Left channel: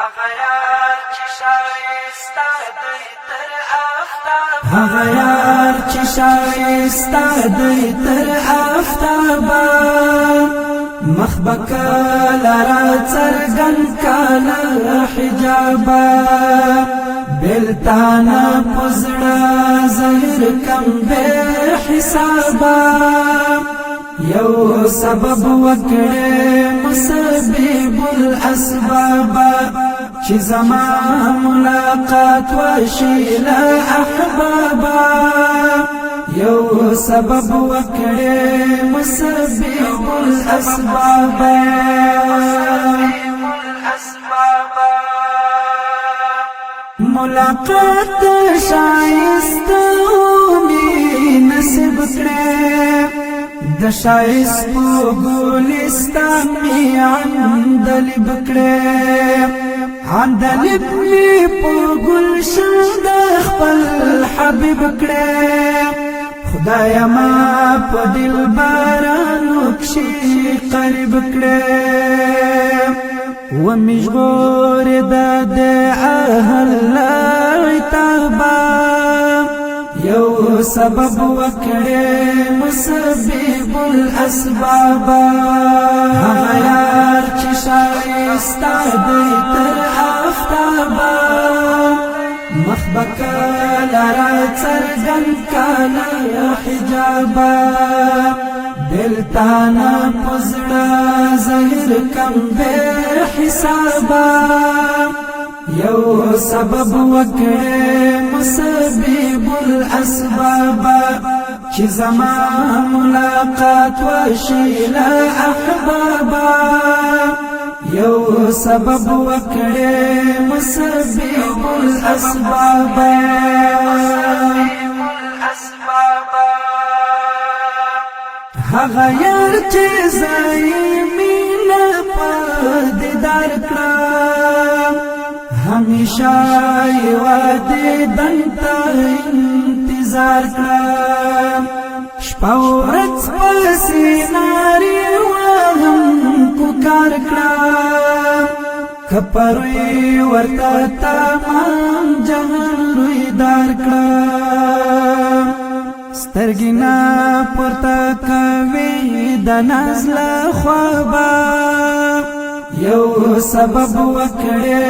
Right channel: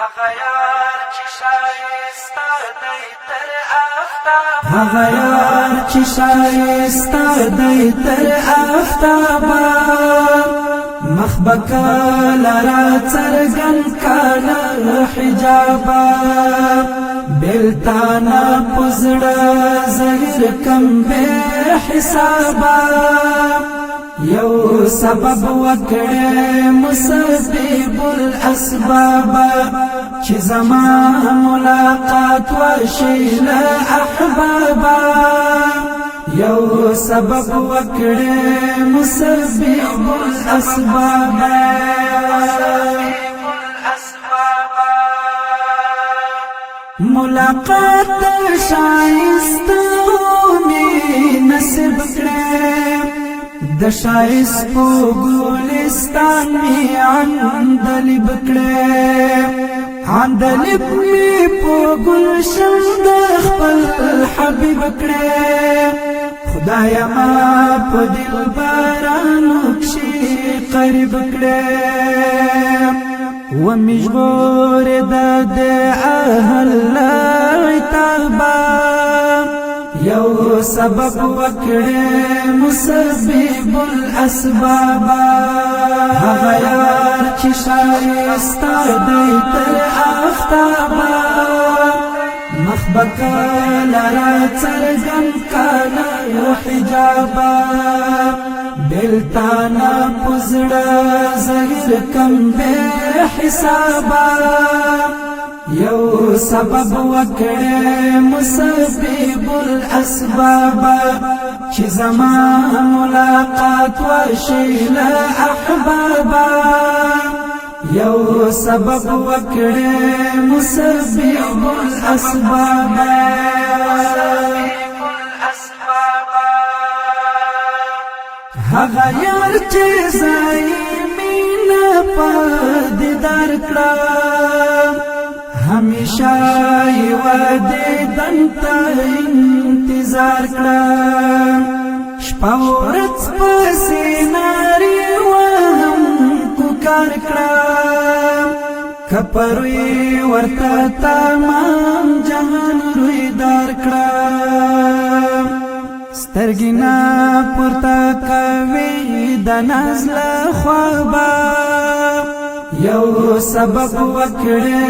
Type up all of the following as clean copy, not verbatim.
هغه یار چې شایسته دی تر آفتابه، هغه یار چې شایسته دی تر آفتابه، مخ به کله را څرګند کاله حجابه، بېلتانه په زړه زهر کم بې حسابه، یو سبب وکړې مسبب الاسباب، چې زما ملاقات وشي له احبابا، یو سبب وکړې مسبب الاسباب، ملاقات شایسته می نصیب کړې، د شایست په ګلستان می عندلیب کړې، عندلیب می په ګلشن د خپل حبیب کړې، خدایا ما په دلبرانو کښې قریب کړې، ومې ژغورې د اهل عتابه، یو سبب وکړې مسبب الاسباب، هغه یار چې شایسته دی تر آفتابه، مخ به کله را څرګند کاله حجابه، بېلتانه په زړه زهر کم بې حسابه، یو سبب وکړې مسبب الاسباب، چې زما ملاقات وشي له احبابا، یو سبب وکړې مسبب الاسباب، هغه یار چې ځای مینه په دیدار کړم، همیشه یو دیدن ته انتظار کړم، شپه ورځ پسې نارې وهم کوکار کړم، که پروي ورته تمام جهان رویدار کړم، سترګې نه پورته کوي د ناز له خوابه، یو سبب وکړې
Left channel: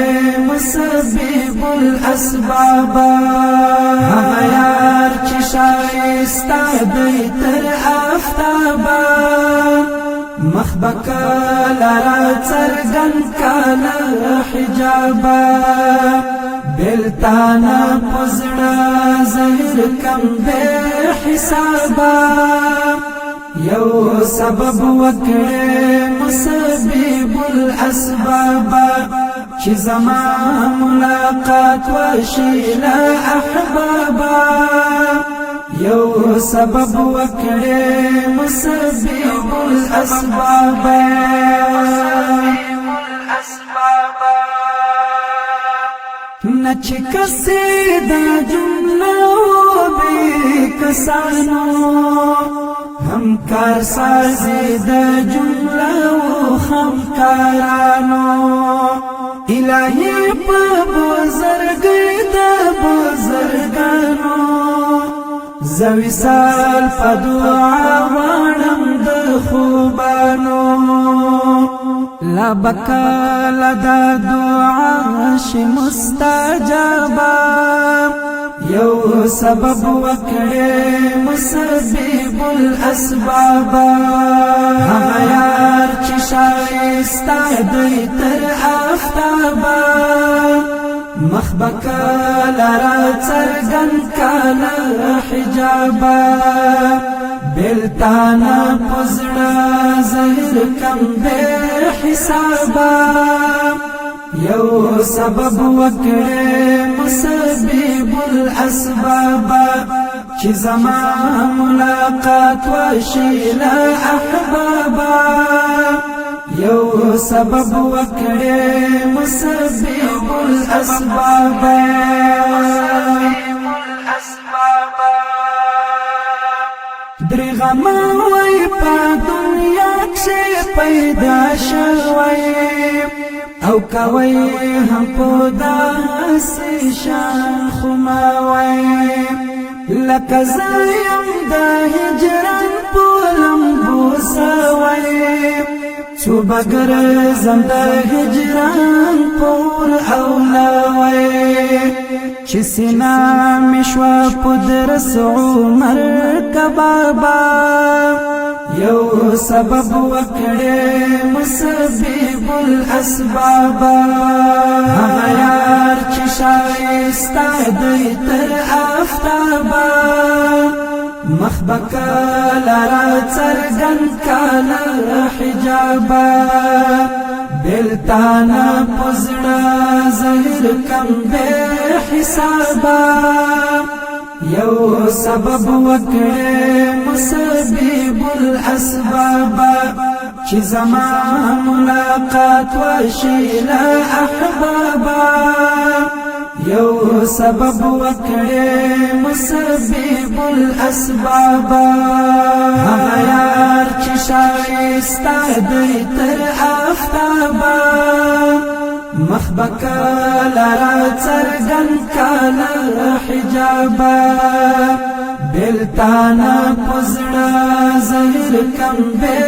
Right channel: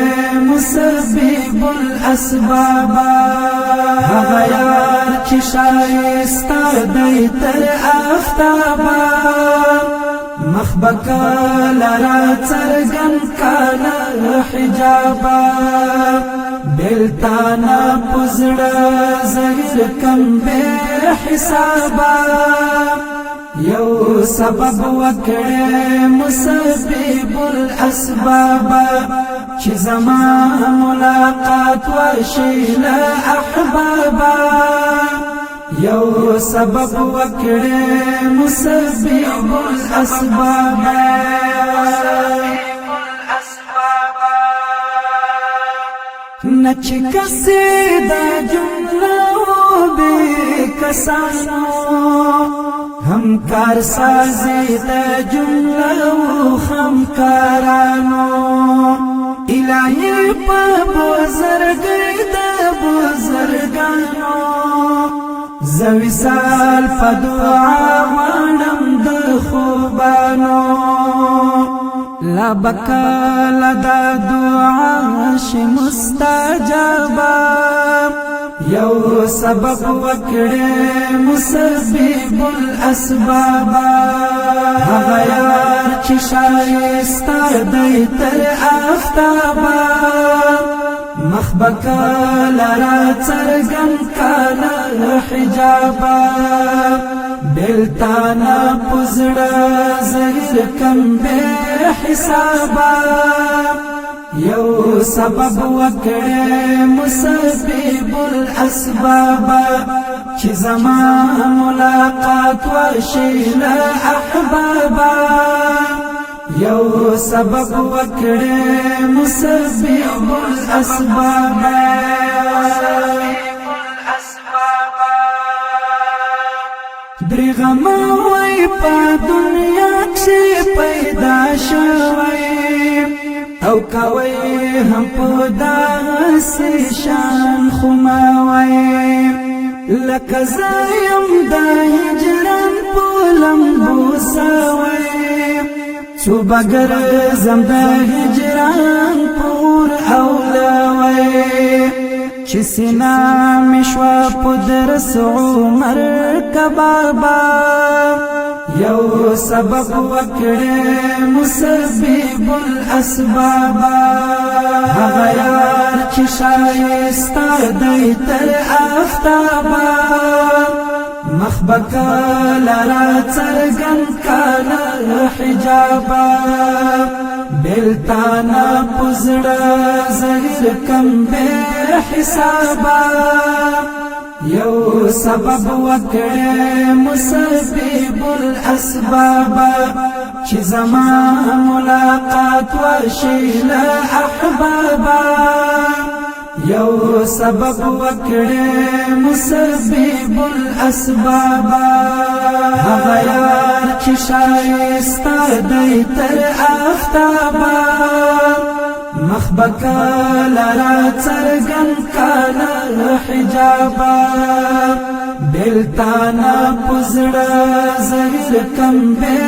مسبب الاسباب، هغه یار چې شایسته دی تر آفتابه، مخ به کله را څرګند کاله حجابه، بېلتانه په زړه زهر کم بې حسابه، یو سبب وکړې مسبب الاسباب، چې زما ملاقات وشي له احبابا، یو سبب وکړې مسبب الاسباب، نه چې کسې دا جمله بې کسانو، همکار سازی د جمله و خمکارانو، الهی په بزرګۍ د بزرګانو، زه وصال په دعا غواړم د خوبانو، لا بکاله دا دعا شي مستجابه، یو سبب وکړې مسبب الاسباب، هغه یار چې شایسته دی تر آفتابه، مخ به کله را څرګند کاله حجابه، بېلتانه په زړه زهر کم بې حسابه، یو سبب وکړې مسبب الاسباب، چې زما ملاقات وشي له احبابا، یو سبب وکړې مسبب الاسباب، درغم وای په دنیا کې پیدا شوی، او کوي هم په داسې شان خماوي لکه زایم د هجران په لمبو سوي چو بگر زم د هجران پور اولاوي چې سینا مشوا پدرس عمر کبابا یو سبب وکړې مسبب الاسباب هغه یار چې شایسته دی تر آفتابا مخبکا لرا څرګن کاله حجابا بلتانا پزړه زهر کم بے حسابا یو سبب وکړې مسبب الاسباب چې زما ملاقات وشي له احبابا یو سبب وکړې مسبب الاسباب هغه یار چې شایسته دی تر آفتابا مخبکا لرا څرګن کاله حجابا بلتانا پزړه زهر کم بے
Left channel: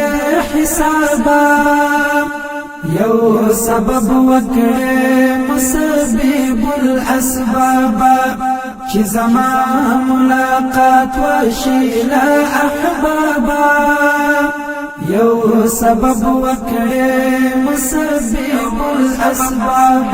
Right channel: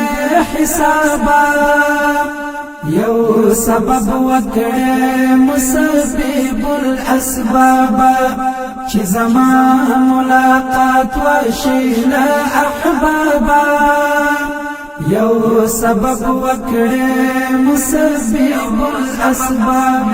حسابا یو سبب وکړې مسبب الاسباب چې زما ملاقات وشي له احبابا یو سبب وکړې مسبب الاسباب